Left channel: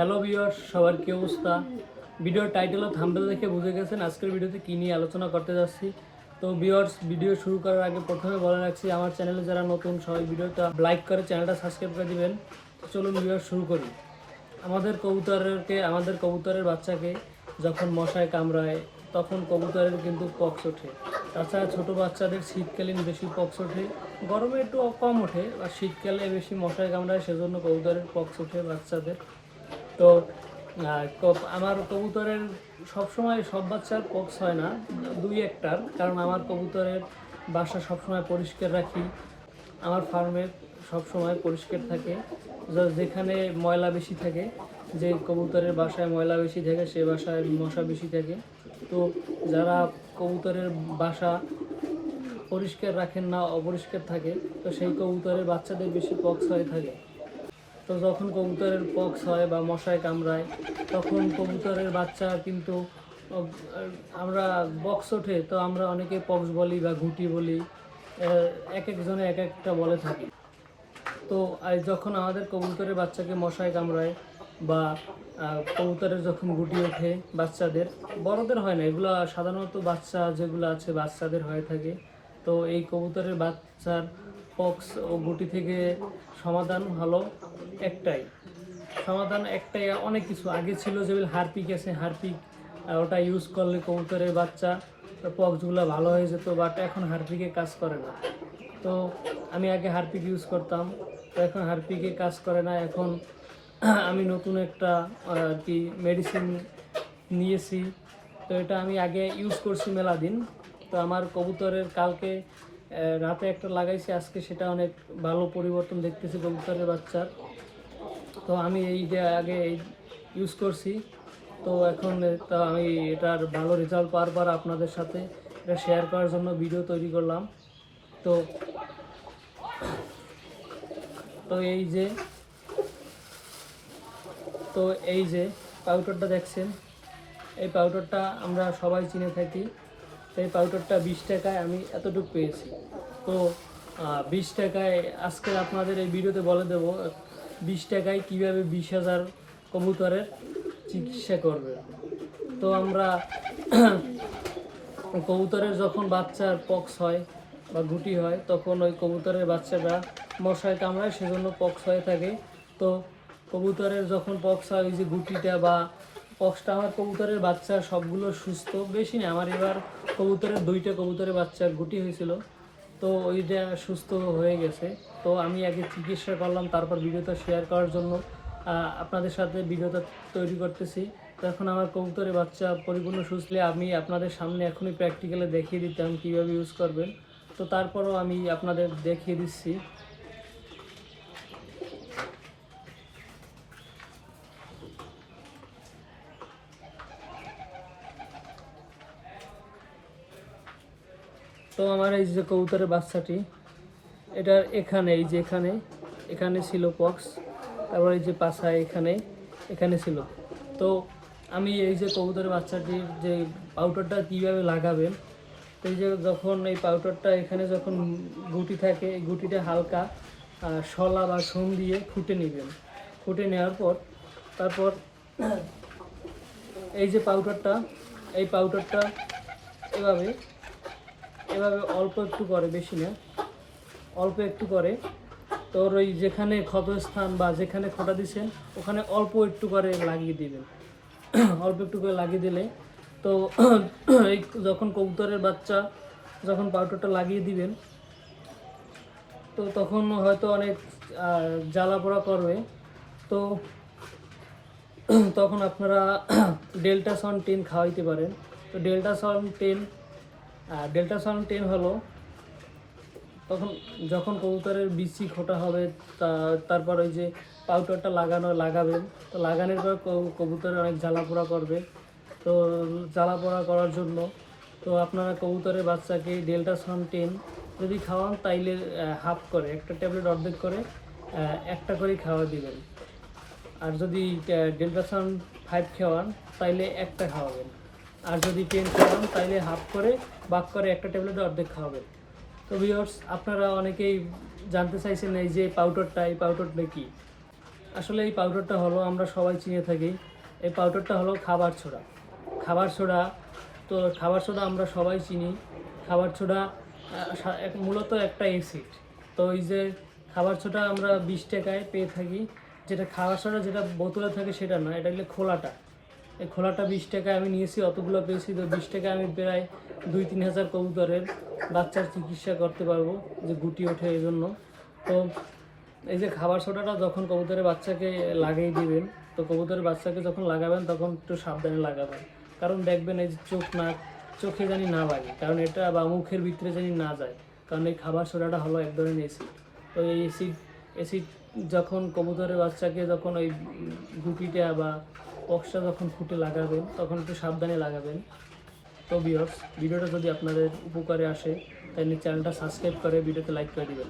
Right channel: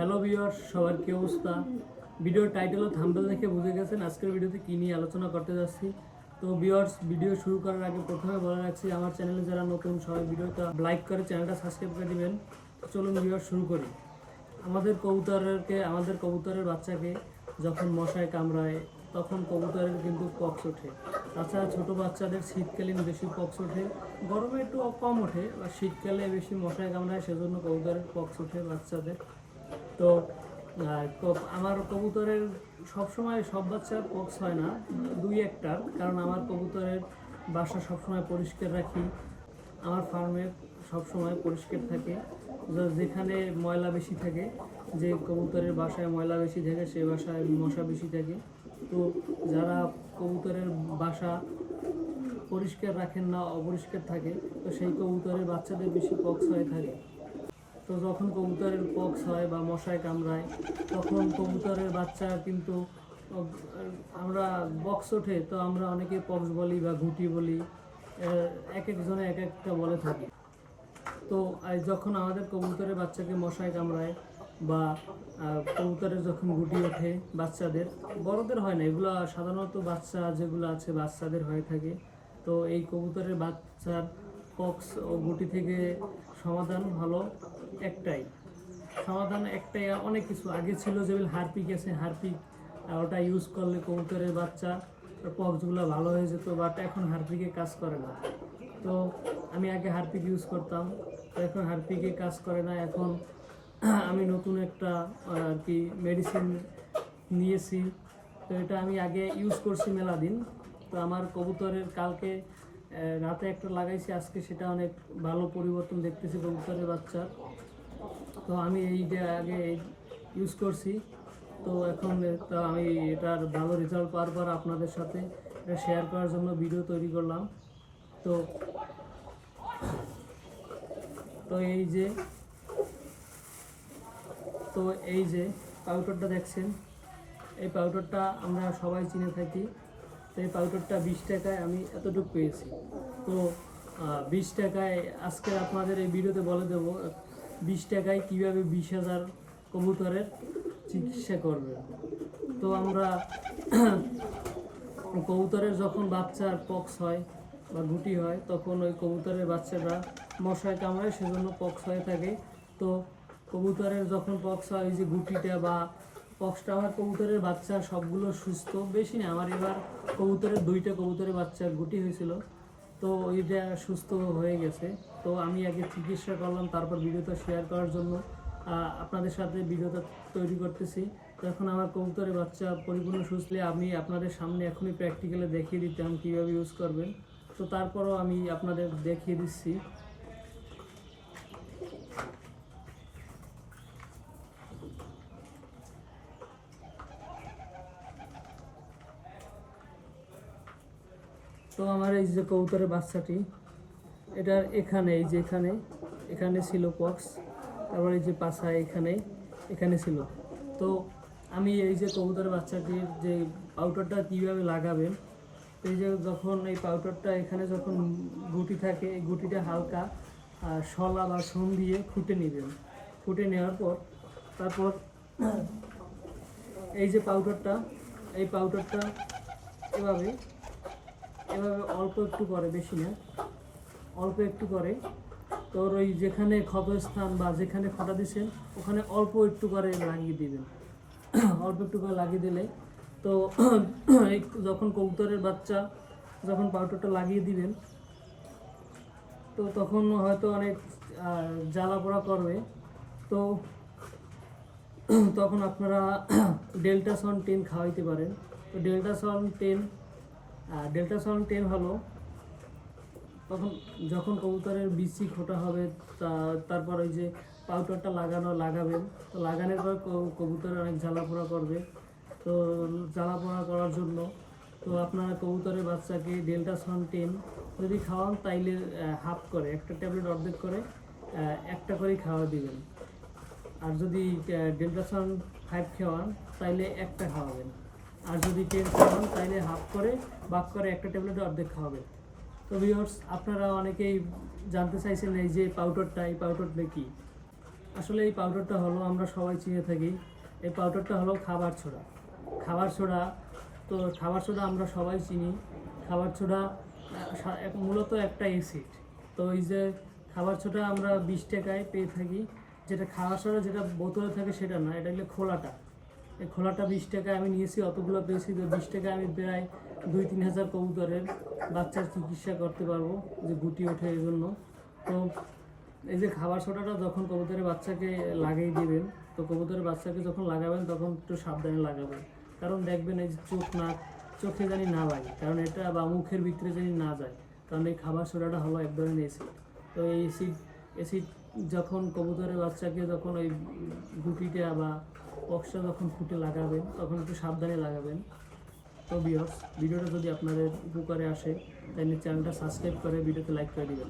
Hello viewers, সবার কি অবস্থা? ভিডিওর টাইটেল ও থাম্বেল দেখে বুঝে গেছেন আজকের ভিডিওতে কী নিয়ে আলোচনা করতে যাচ্ছি। তো ভিউয়ার্স, ভিডিও শুরু করার আগে প্রথমে বলে রাখছি, আমার চ্যানেলে যারা নতুন, সবাই ভিডিওটা লাইক করে চ্যানেলটা সাবস্ক্রাইব করে দিবেন। চলুন ভিউয়ার্স, শুরু করি। আমাদের কবুতরেরকে আমাদের কবুতরের বাচ্চাকে যখন মশায় কামড়ায়, তখন কবুতরের কিন্তু পক্স ওঠে। তাছাড়া ছোটো বাচ্চাদের শীতকালীন বেশি পক্স ওঠে, গরমে একটু কম ওঠে, আর শীতকালে বেশি মশায় কামড়ায়, সেজন্য কবুতরের পক্স ওঠে বাচ্চাদের। তো আমার কবুতরের সবসময় সব বাচ্চার পক্স হয় না, দুই একটার, কারণ আমার কবুতরের বাসা সবসময় পরিষ্কার রাখি, আমার ফার্মে সবসময় পরিষ্কার থাকে যেখানে ময়লা বেশি থাকে, যে কবুতরের বাসায় ময়লা বেশি থাকে, সে বাসায় মশা বেশি থাকে, তো যারা কবুতরের বাসা পরিষ্কার রাখেন না, অপরিষ্কার থাকে, তো সেই কবুতরের বাচ্চাদের বেশি পক্স হয়ে থাকে। তো যখন কবুতরের পক্স হয় বা মশায় কামড়ায়, তখন কবুতরের বাচ্চা কিন্তু আমরা বক্স ওঠে, তো আমরা অনেকে পক্স বলি বা ঘুটি বলি এক একজনে এক একটা বলে থাকি। তো যখন আমাদের কবুতরের বাচ্চাকে মশায় কামড়ায় বা কবুতরের যখন গুটি ওঠে বাচ্চাদের, বড়দের হয় না, এগুলো সাধারণত বাচ্চা যেগুলো আছে বাচ্চাদের হয়ে থাকে। তো এই কবুতরের বাচ্চার পক্স ও গুটি থেকে সমাধান হলো। একটাই। সমাধান একটাই, অনেক কিছু। আগে ছিল যেগুলো হারপিক আছে, হারপিক ওটা ইউজ করলে কবুতরের বাচ্চা পক্সগুলো ভালো হয়ে যেত বাট এখন হারপিকে কাজ করে না। তো আমি আগে হারপিক ইউজ করতাম, তো এখন হারপিকে কাজ করে না। এখন আমি নতুন একটা আর কি মেডিসিন নিয়েছি। তো এটা আমি আগে ইউজ করছি মেলা দিন তো আমার কবুতরের কালকে রাতে একটা লাগাইছি, আজকে সেটা অনেক ভালো পরিবর্তন দেখতেছি কবুতরের বাচ্চার। তো আমি এইটা আগে ইউজ করছি। তো এখন, তো আমি এটার ভালো রেজাল্ট পাওয়ার পর আপনাদের সাথে এটা শেয়ার করার জন্য ভিডিও তৈরি করলাম। তো তো এই যে, তো এই যে পাউডারটা দেখছেন, এই পাউডারটা আমরা সবাই চিনে থাকি। তো এই পাউডারটা বিশ টাকায় আমি এতটুকু পেয়েছি। তো বিশ টাকায় আজকে আপনাদের এই ভিডিওতে বলে দেব বিশ টাকায় কীভাবে বিশ হাজার কবুতরের চিকিৎসা করবে? তো আমরা কবুতরের যখন বাচ্চার পক্স হয় বা গুটি হয়, তখন ওই কবুতরের বাচ্চাটা মশায় কামড়ায়, সেজন্য পক্স হয়ে থাকে। তো কবুতরের যখন পক্স হয়, ওই যে গুটিটা বা পক্সটা, আমার কবুতরের বাচ্চা সবগুলো সুস্থ। বেশি না, আমার এবার কবুতরের দুইটা কবুতরের বাচ্চার গুটি হয়েছিল। তো ওইটা সুস্থ হয়ে গেছে। তো আমি আগে চিকিৎসা করলাম, তারপর ভিডিওটা শেয়ার করার জন্য। আপনাদের সাথে ভিডিওটা তৈরি করতেছি। তো এখন আমার কবুতরের বাচ্চা পরিপূর্ণ সুস্থ হলে আমি আপনাদের সামনে এখনই প্র্যাকটিক্যালে দেখিয়ে দিতাম কীভাবে ইউজ করবেন। তো তারপরও আমি আপনাদের দেখিয়ে দিচ্ছি। তো আমার এই যে কবুতরের বাচ্চাটি এটার এখানে, এই যে এখানে এখানে ছিল পক্স তারপর এই যে পাশা এখানে এখানে ছিল। তো আমি এই যে কবুতরের বাচ্চাটির যে পাউডারটা কীভাবে লাগাবেন, এই যে যখন এই পাউডারটা এখানে যখন গুটি থাকে, এই গুটিটা হালকা শলা বা সোম দিয়ে ফুটে নেবেন। ফুটে নেওয়ার পর, তারপর এই যে পাউডারটা এই পাউডারটা এভাবে এভাবে অল্প একটু করে, বেশি না। অল্প একটু করে। তোর ওই যেখানে ক্ষতস্থান বা যেখানে খোটা দিছেন, ওখানে অল্প একটু করে লাগিয়ে দিবেন। অল্প একটু করে লাগিয়ে দিলে তো এই যখন কবুতরের বাচ্চা যখন পাউডারটা লাগিয়ে দিবেন, তো তখন হয়তো অনেক জ্বালা পোড়া করবে। তো তখন আপনারা ডেল্টা সন টেন খাওয়াইতে পারেন। তো ডেল্টা সন টেন ডেল্টা সন টেন হলো তখন যখন কবুতরের বিচি খোটা হবে তারপর ওই যে পাউডারটা লাগানো, লাগাবেন। তো লাগানোর পর কবু- কবুতরে অনেক জ্বালা পোড়া করবে। তো জ্বালা পোড়া করার জন্য তো আপনারা কবুতরের বাচ্চাকে ডেল্টা সন টেন যদি খাওয়ান, তাইলে হাফ করে, একটা ট্যাবলেট অর্ধেক করে একটা করেই খাওয়া দিবেন। আর যদি ডেল্টা সান ফাইভ খাওয়ান, তাইলে একটা খাওয়াবেন। আর যদি টেন খাওয়ান, তাইলে হাফ করে, বাক করে একটা ট্যাবলেট অর্ধেক খাওয়াবেন। তো ভিউয়ার্স আপনারা অনেকেই জানতে চাইছেন এই যে পাউডারটা এই পাউডারটা কি? আসলে এই পাউডারটা হলো, আমরা সবাই চিনে থাকি, এই পাউডারটা হলো খাবার ছোড়া। খাবার ছোড়া, তো খাবার সোডা আমরা সবাই চিনি। খাবার ছোড়া মূলত একটা অ্যাসিড তো এই যে খাবার সোডা আমরা বিশ টাকায় পেয়ে থাকি, যেটা খাবার সোডা যেটা বোতলে থাকে সেটা না এটা হলো খোলাটা। এই খোলাটা বিশ টাকায় আমি নিয়েছি, অতগুলো পেয়েছি, তো বিশ টাকায় আমি প্রায় দুই তিন হাজার কবুতরের বাচ্চার চিকিৎসা করতে পারব যে গুটি ওঠে এই জন্য। তো এই যে খাবার সোটাটা যখন কবুতরের বাচ্চাকে লাগিয়ে দিবেন, তো কবুতরের বাচ্চাকে যখন লাগাবেন তখন একটু সাবধানে লাগাবেন। কারণ দেখবেন এই যে চোখ নাক চোখে জানি না লাগে, কারণ এটা বা মুখের ভিতরে জানি না যায়। কারণ এই খাবার সোডাটা হলো এক ধরনের অ্যাসিড তো এই অ্যাসিড অ্যাসিড যখন কবুতরের বাচ্চাকে যখন ওই গুটিটা বা বক্সটা যখন ফুটে লাগাবেন, তখন একটু সাবধানে লাগাবেন। তো বিয়র্স ভিডিওটা যদি আপনাদের উপকারে আসে তাহলে চ্যানেলটা সাবস্ক্রাইব করে, ভিডিওতে লাইক করে দিবেন।